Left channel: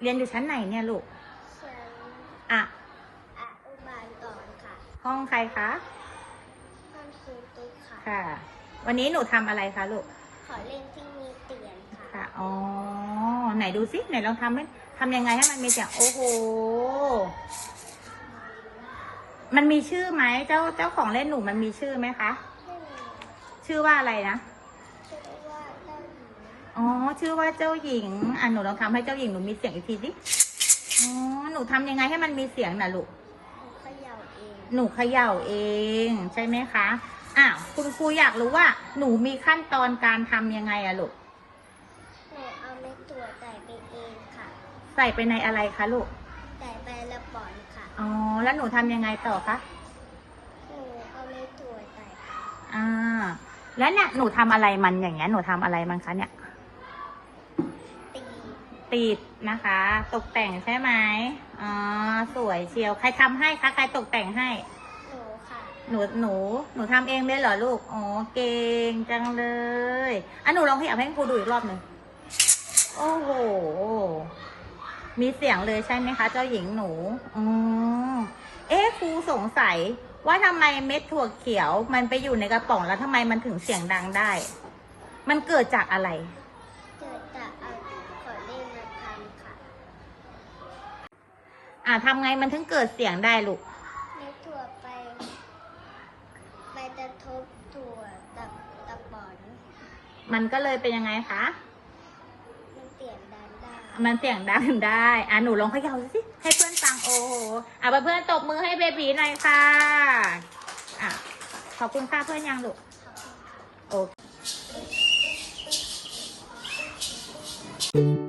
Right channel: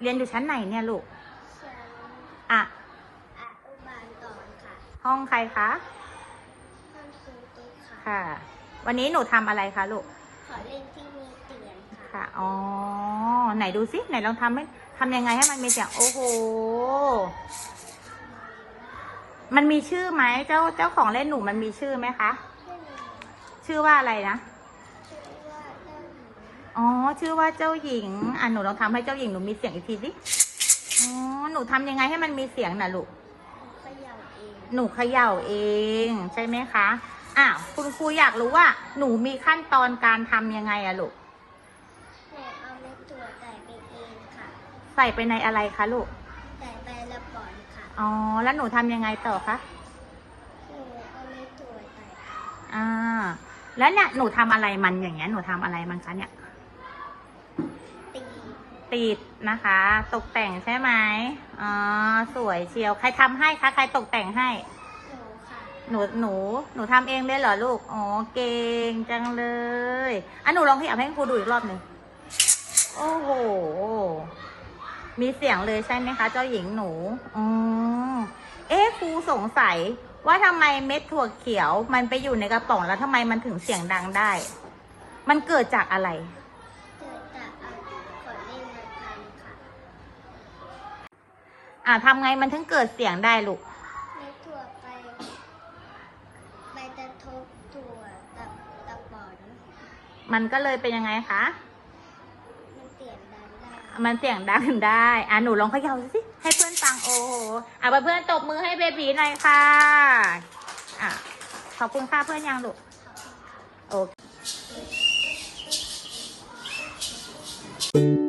เรียนอยู่ชั้นไหนเนี่ยลูก อะอนุบาลก่อนค่ะห้องใครคะ ห้องคุณตุ๊กค่ะ ค่ะ วันนี้หนูทำอะไรคะลูก ขอเล่นที่มีเตียงค่ะ ค่ะ อ๋อ ไหนดูสิ ไหนเราทำให้ทำยังไงให้มันมีเสียงโอ้โห มันมีชื่อไหมเจ้าเจ้าของเล่นหนูมันมีชื่อไหมคะ ชื่อว่าอะไรนะชื่อว่าเล่น อ๋อ ชื่อว่าเจ้าหญิง อะหนูลองทำให้เจ้าหญิงหนูมีเสียงอีกทีสิอ๋อ หนูทำยังไงให้มันมีเสียงน่ะลูกหนูเขย่าเอง หนูเขย่าเองใช่ไหมคะ อ้าวคุณครูอยากรู้ว่า หนูมีขั้นตอนการทำยังไงอะลูก หนูเอาเม็ดถั่วใส่ไปเองค่ะ ใส่ไปในอะไรคะลูก ใส่ไปละบอนค่ะ อ๋อ แล้วหนูทำยังไงต่อคะ หนูเอาเม็ดถั่วใส่ไปอ่า แล้วเนี่ยหนูทำอะไรมันอย่างเงี้ย หนูทำอะไรมันคะเนี่ยตี ติดนะคะ ตกแต่งใช่ไหมอ๋อสวยเชียว ใครทำให้คะ ใครตกแต่งให้ หนูค่ะหนูหนูหนูทำเองเลยเหรอลูก อ๋อเก่งจังเลยอะหนูลองขยับให้ครูดูอีกรอบหนึ่งโอ้โห มีเสียงเลยใช่ไหมคะ เจ้าหญิงหนู อ๋อ เอ๊ะครูสงสัยว่าทำไมเม็ดถั่วเขียว มันไปอยู่ในกระป๋องแล้วทำไมมันถึงเสียงดังได้ มันเกิดจากอะไร อ่าทำไงมันถึงเกิดเสียงได้ลูกเม็ถั่วไป ไปกระทบถั่วกับตะบอนมันก็เลยเป็นยังไงคะ มันเสียงดังได้มันเสียงดังได้อะหนูลองขยำดูสิให้เพื่อนฟังโอ้โหอะเพื่อนตบมือให้เบบีหน่อยค่ะอะขอบคุณค่ะเพื่อนยังลูกโอเค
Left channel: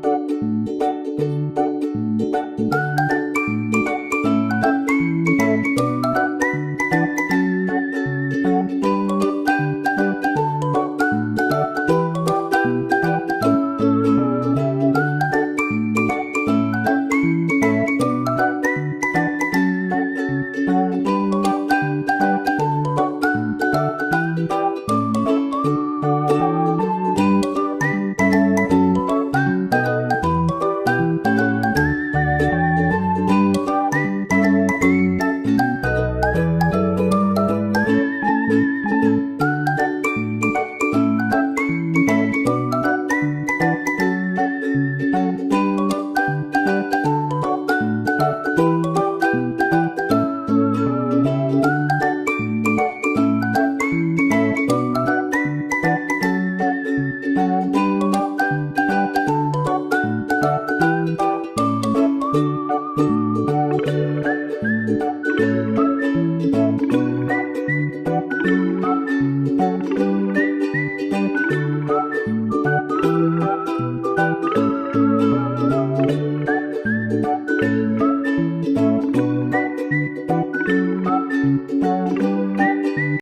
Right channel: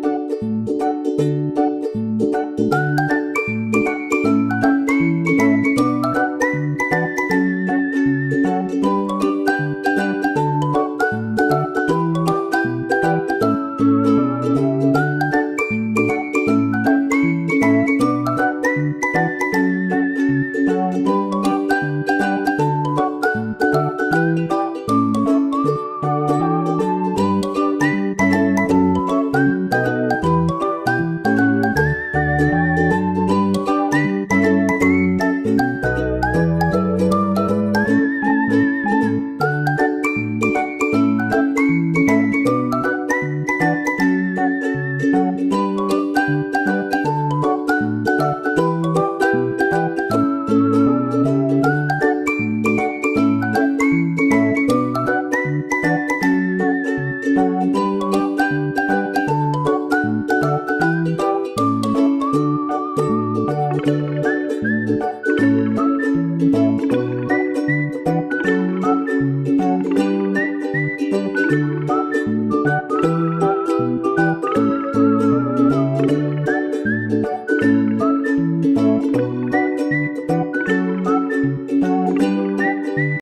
Música